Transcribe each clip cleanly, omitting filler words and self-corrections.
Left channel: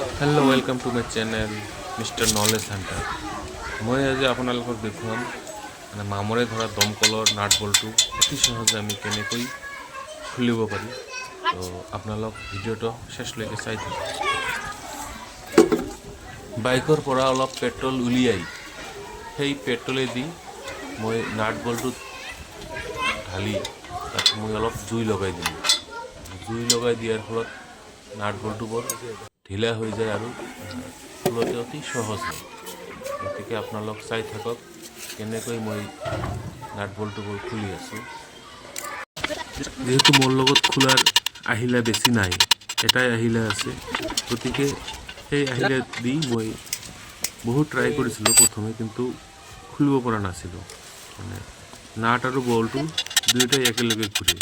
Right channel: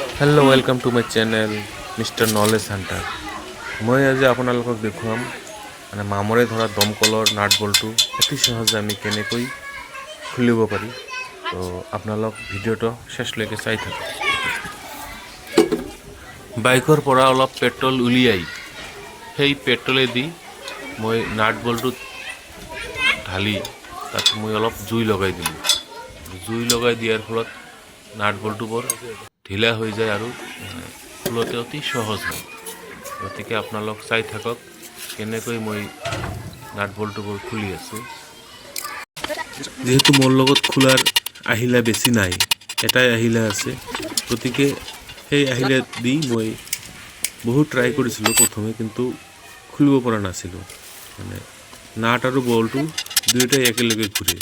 Hello' welcome to my channel mister knowledge Hunter. মই আজি আপোনালোকক দেখুৱাম মামৰে ধৰা দমকলৰ নাট বল্টু অতি সহজে আমি কেনেকৈ খুলিব পাৰি। তো আপোনালোক ভিডিঅ'টো শেষলৈকে চাই থাকক। বাইকৰ পৰা অলপ পেট্ৰল উলিয়াই সেই পেট্ৰলেদি মই নাট বল্টুত ঢালি তাত মই অলপ জুই লগাই দিলোঁ। জুই লগাই দিয়াৰ ফলত নাট বল্টুবোৰ ঢিলা হৈ যায় আৰু খোলোতে অতি সহজ হয়। গতিকে আপোনালোক চাই থাকক কেনেকৈ মই নাট বল্টুবোৰ খুলি আছোঁ। যিহেতু মোৰ লগত খোলাৰ আহিলা বেছি নাই, এটাই আহিলা আছে, গতিকে সেই আহিলা দি মই বহুত ট্ৰাই কৰিছিলোঁ প্ৰথমে, কিন্তু খুলিব পৰা নাছিলোঁ। নাট আৰু বল্টু দুয়োটাই একেলগে ঘূৰে।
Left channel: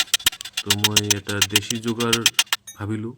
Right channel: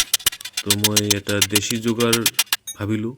তো মই এটা দেশী যোগাৰ ভাবিলোঁ।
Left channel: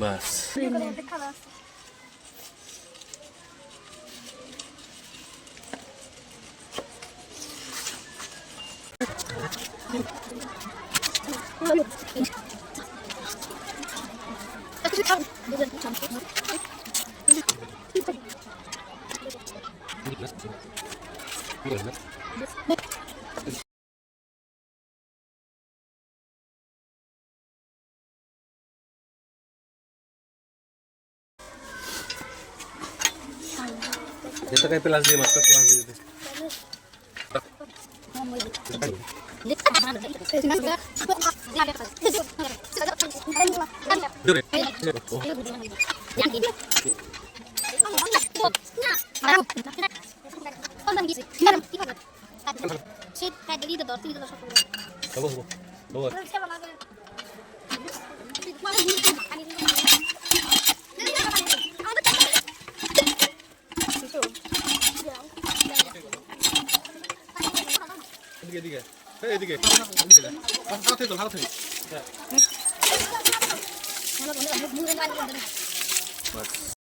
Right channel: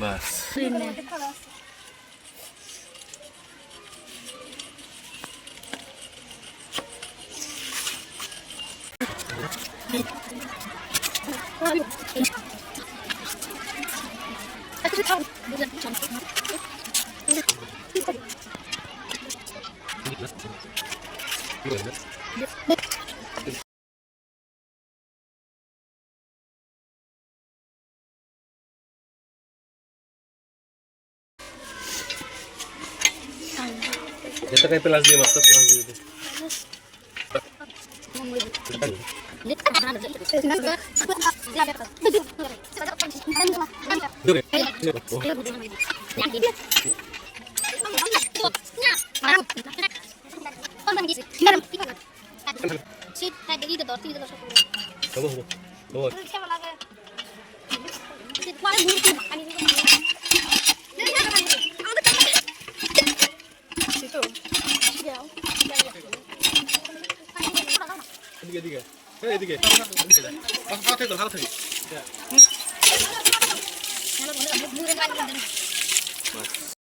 बस Dito kayo pelas dia mas, pelas dia.